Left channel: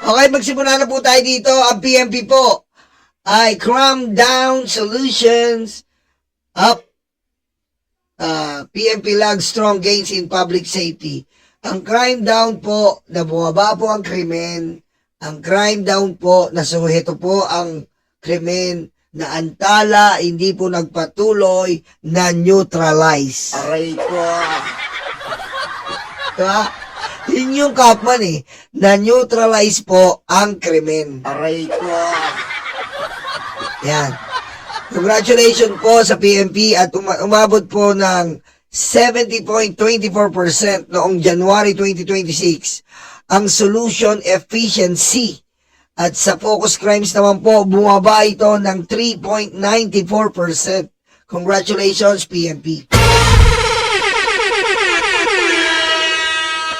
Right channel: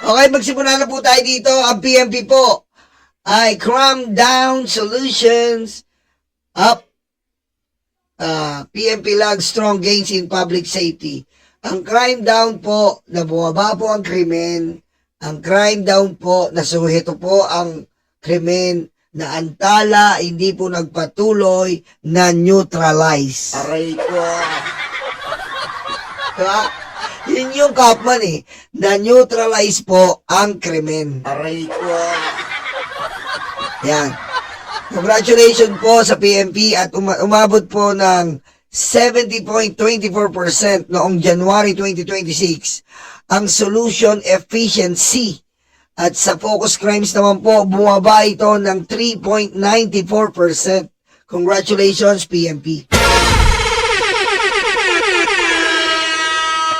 Okay, magsimula na po tayo dito. Ang PMP po ay Crime Down Solutions Up. PMP lag strong gains in public safety. Ang crime down po, na bumaba po ang krimen. Ang crime down po, nasuheto po ang krimen na antala, hindi po nagpatuloy na neutralize. Aray ko. Diba? Yun yung Kapman na neutralize po ang krimen. Aray ko. Yan. Congratulations po sa PMP at umabot po ng 70.24% noong January 2026 ang solution efficiency. At sa focus crimes naman po, bumaba ito ng 3.94%. Congratulations, PMP.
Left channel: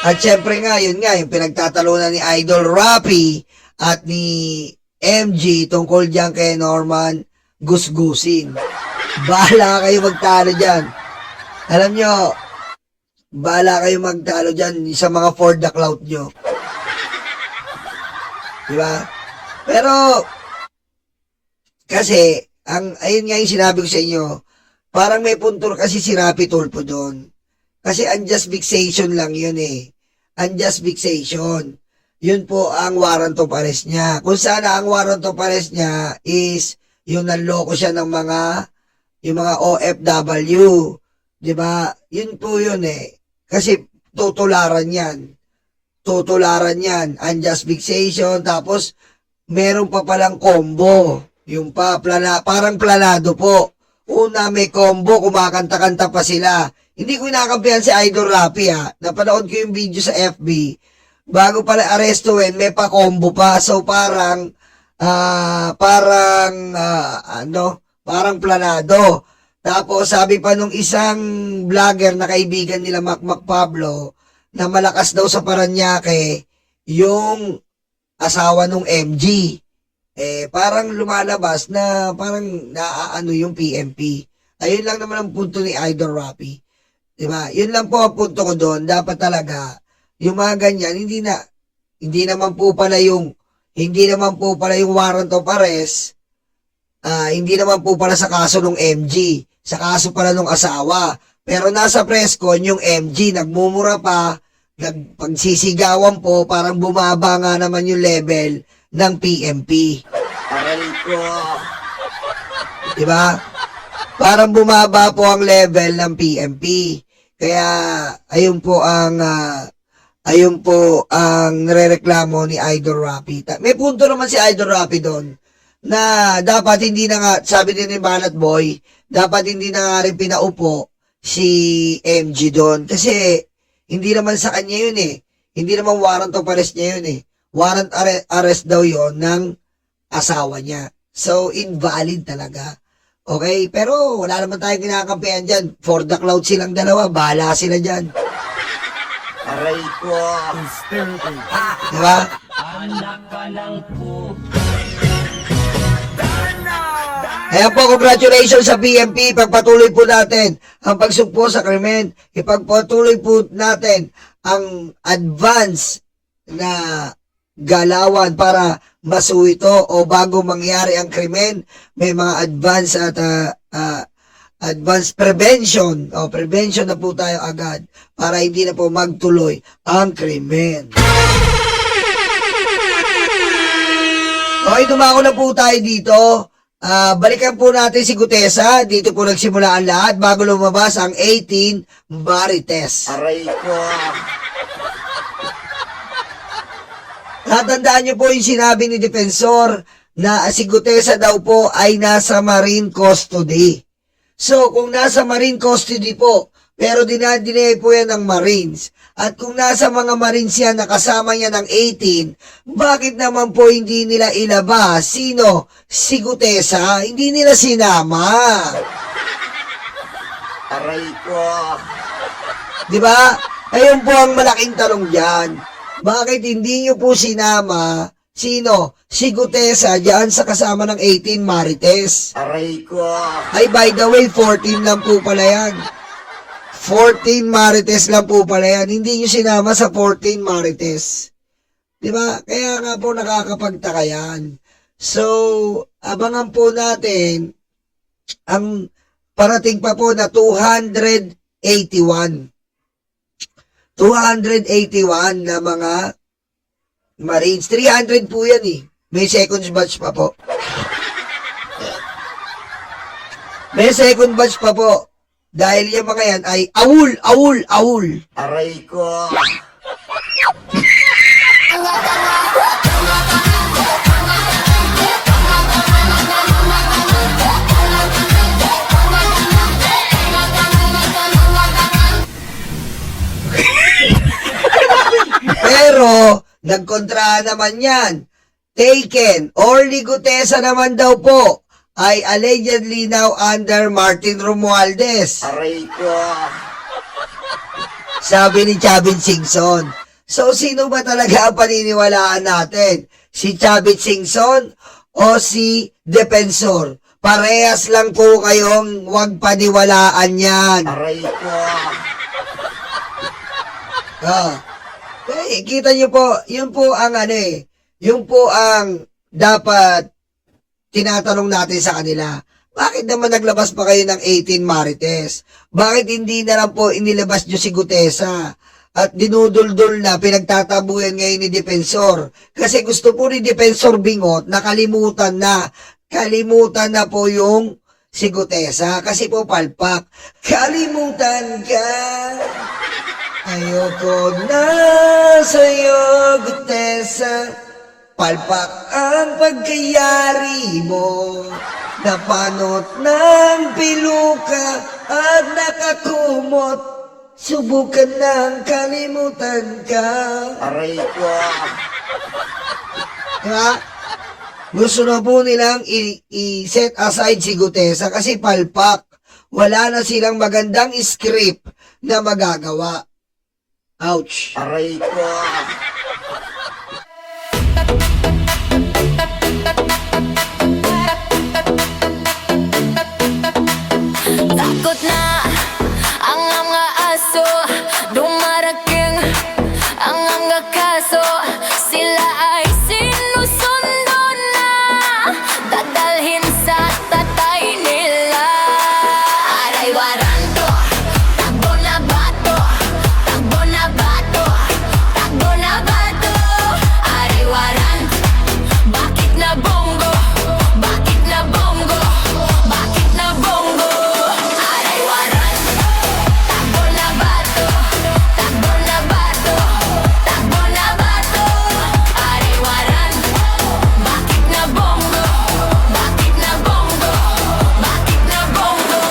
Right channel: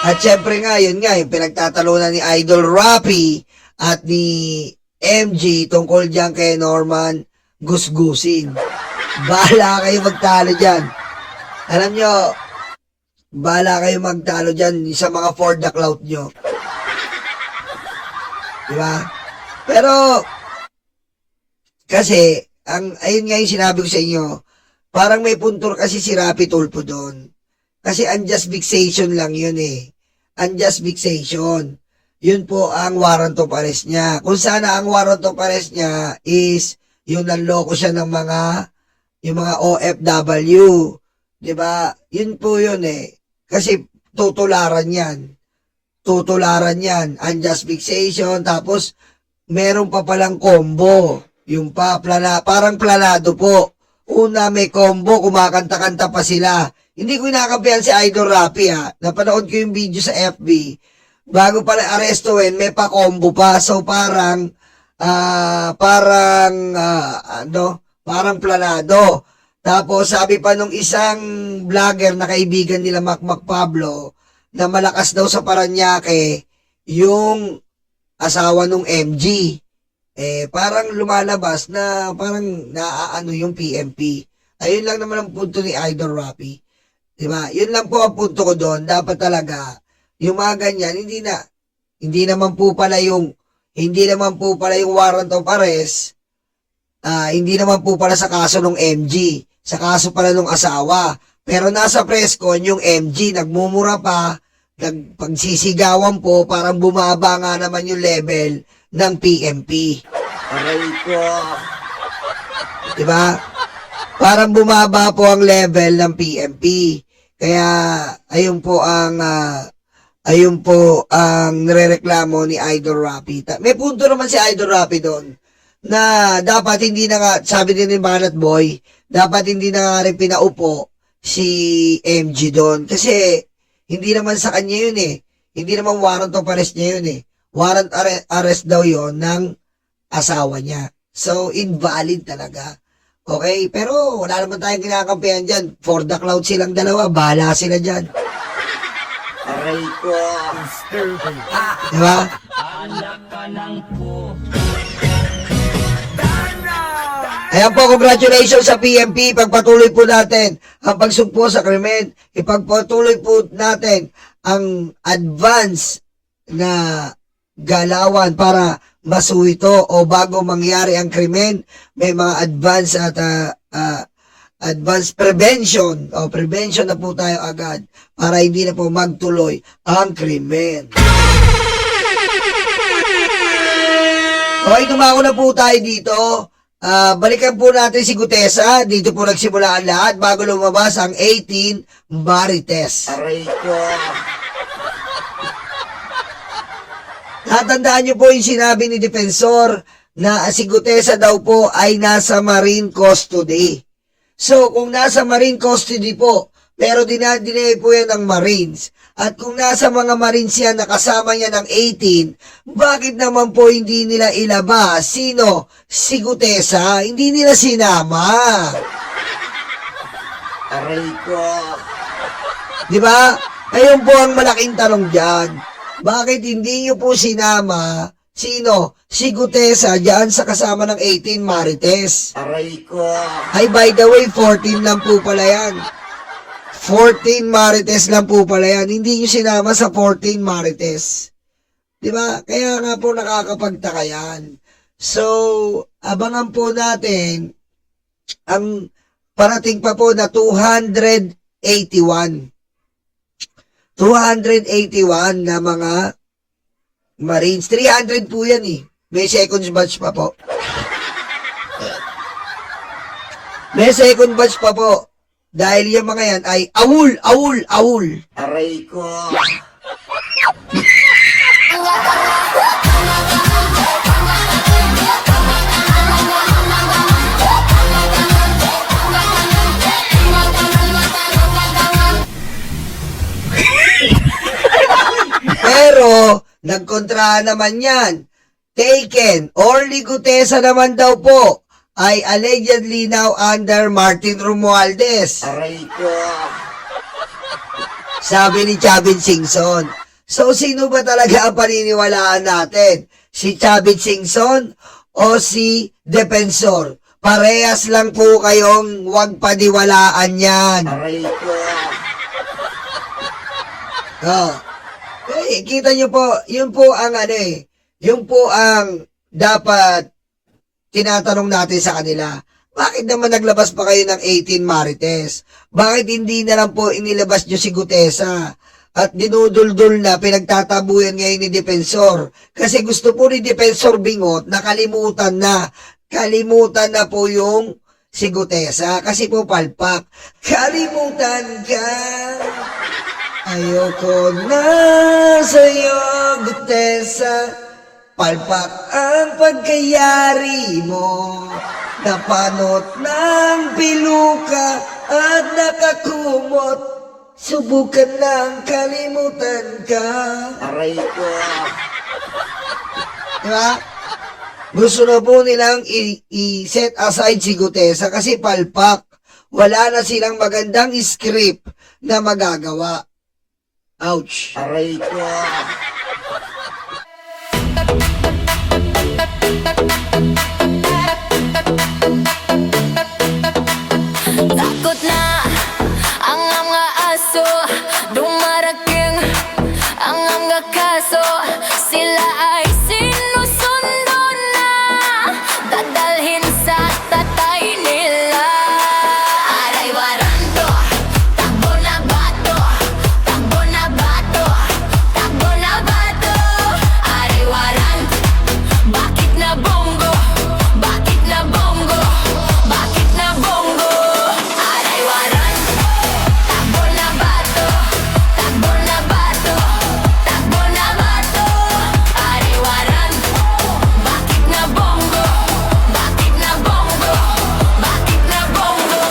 At syempre nga, yun nga, yung pinagtatalunan ni Idol Rapi at ni MG tungkol dyan kay Norman Gusgusin. Bahala kayo magtalo dyan. Alam nyo, bahala kayo magtalo dyan sa mga for the clout nyo. Diba? Pero, kasi, ayun nga yung sinabi ko sa inyo, parang may punto kasi si Rapi Tulfo doon. Kasi unjust vexation lang yun Unjust vexation. Yun po ang warrant of arrest niya. Kung sana ang warrant of arrest niya is yung nanloko siya ng yung mga OFW. Diba? Yun po yun Kasi tutularan yan. Tutularan yan. Unjust vexation. Tapos, meron pa palang combo. Yung parang planado po. Una, may combo. Kumakanta-kanta pa sila. Hindi ko inakampihan si Idol Rapi Napanood ko yung video sa FB. Bago pala arestuin, may pa-combo pa. So, parang planado. Tapos sabi pa nung isang vlogger na kaibigan nila Macmac Pablo na malakas daw sa Paranaque yung asawa nung MG. Parang lumalabas na parang naaano yung PMP. Ayun lang naman ang punto ni Idol Rapi. Diba? Yun lang po ang punto ko doon. Dapat talaga yung mga ganyan, hindi naman po pala yung warrant of arrest, hindi naman po pala sa kaso ng MG, sa kaso pala ng asawa. Pero nasa press con, yung MG, nagmumura pa, nagpagsisigawan po, parang bumaba nga naman yung level ng PMP. Aray ko. Diba? Parang bumaba po ang level ng PMP. Kaya, ayun po ang nirereklamo ni Idol Rapi. May punto naman si Idol Rapi doon na dapat hindi na nga, sabi din ni Banat Boy, dapat hindi na nga rin pinaupo si MG doon. Kasi hindi naman sa kanya yun Hindi naman warrant of arrest niya yun Warrant arrest daw yon ng asawa niya. So, invalid talaga. Okay? Pero wala naman tayong kinakampihan dyan. For the cloud silang dalawa, bahala sila dyan. Aray ko. Diba? Ayan po, congratulations sa PMP. Pagpatuloy po natin ang pagsugpo sa krimen. Ipagpatuloy po natin ang advance na galawan para masuwito o bago mangyari ang krimen. May mga advance at advanced prevention o prevention na po tayo agad para hindi na po magtuloy ang krimen. Okay, dumako na po tayo dito. Balikan po natin si Gutesa. Dito po nagsimula ang lahat bago lumabas ang 18 Marites. Aray ko. Natandaan niyo po yung sinabi ni Defensor na si Gutesa daw po ay nasa Marine Custody. So, kung nasa Marine Custody po, pero dinadinay po yan ng Marines, at kung nasa mga Marines yan nakasama niya ng 18, bakit naman po hindi nila ilabas? Sino? Si Gutesa? Hindi nila sinama. Aray ko. Diba? Ayun po ang malaking tanong dyan. Bakit hindi nyo po sinama? Sino? Si Gutesa dyan sa kasama ng 18 Marites. Aray ko. Ay, by the way, 14 lang po pala yan. 14 Marites lang po pala yan. Hindi nyo sinama sa 14 Marites. Di ba? Kaya nga po nakakapagtaka yan. So, abangan po natin ang parating pa po na 281. 281 na mga Marines. 300 po yan eh. May second batch pa po. May second batch pa po. Dahil yung mga yan ay awul, awul, awul. Aray ko. Pero, nagkontra naman yan. Taken or Ligutesa naman daw po ay allegedly now under Martin Romualdez. Aray ko. Sabi ni Chavit Singson. So, sino ba talaga ang paniniwalaan natin? Si Chavit Singson o si Defensor? Parehas lang po kayong huwag paniwalaan yan. Aray ko. Kita nyo po, yun po ang yun po ang dapat tinatanong natin sa kanila. Bakit naman naglabas pa kayo ng 18 Marites? Bakit hindi na lang po inilabas nyo si Gutesa? At dinuduldol na, pinagtatabuyan ngayon ni Defensor. Kasi gusto po ni Defensor Bingot, nakalimutan na. Kalimutan na po yung si Gutesa. Kasi po palpak. Kalimutan ka. Ayoko na sa'yo, Gutesa. Palpak ang pagkayari mo. Napanot ng piluka at nakakumot. Subukan ng kalimutan ka. Aray ko. Diba? Gusto na po nilang i-set aside si Gutesa kasi palpak. Wala na silang magandang script na magagawa. Ouch. Aray ko. Takot na ang mga aso, dumarating ang mga kaso. Sila ay sinusundo na, dadalhin sa tatay nila. Aray waranto, takbo na bato, takbo na bato, takbo na bato. Aray waranto, bakit na bongo, bakit na bongo, bakit na bongo. Aray waranto, takbo na bato, takbo na bato, takbo na bato. Aray waranto, bakit na bongo, bakit na bongo, bakit na bongo.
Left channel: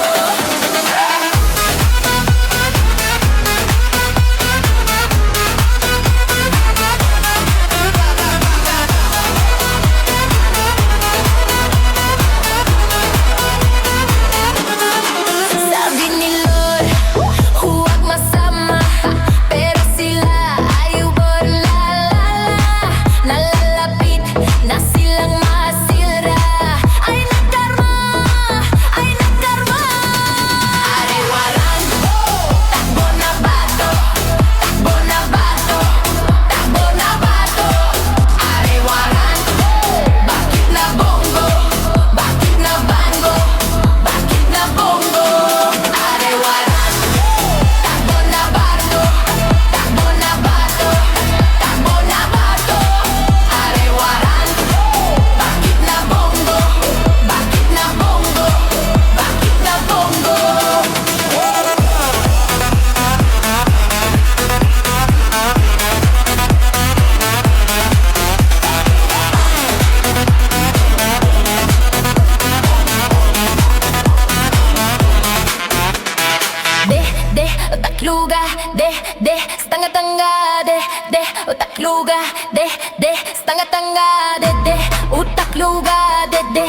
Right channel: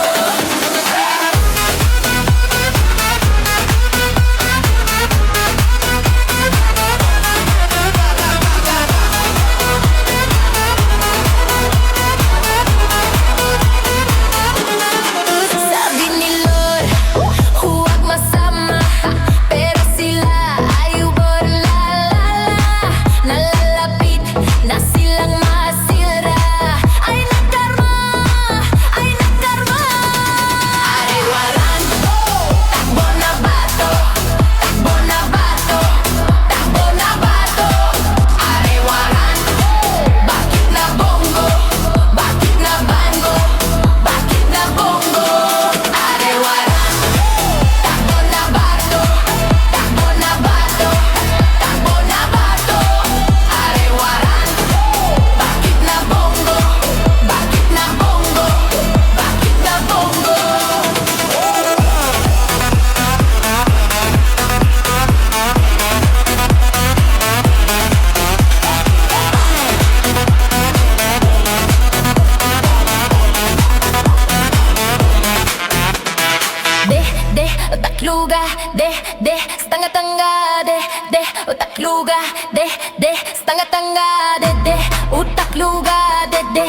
Sabi ni Lord, huwag masama, pero sila ay uborlalala. Nalalapit na silang masira. Ay nakarma, ay nakarma. Aray waranto, takbo na bato, takbo na bato, takbo na bato. Aray waranto, bakit na bongo, bakit na bango, bakit na bongo. Aray waranto, takbo na bato, takbo na bato, takbo na bato. Aray waranto, bakit na bongo, bakit na bongo, bakit na bongo. De, utakluga, de, stanga-tanga, de, utakluga, de, stanga-tanga, de, utakluga, de,